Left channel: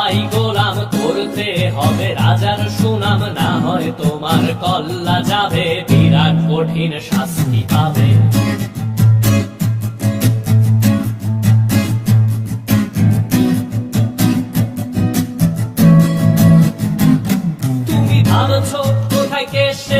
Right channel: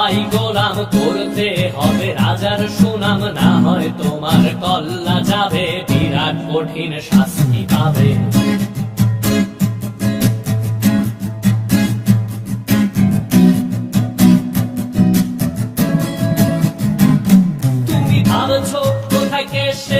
সবাই গোলাম করতে হবে রাজার সুনাম না হয় তোমার কল্লা যাবে বিরাট কঠিন শাস্তি পাবে তুমি ভাবছো কোথায় কেসে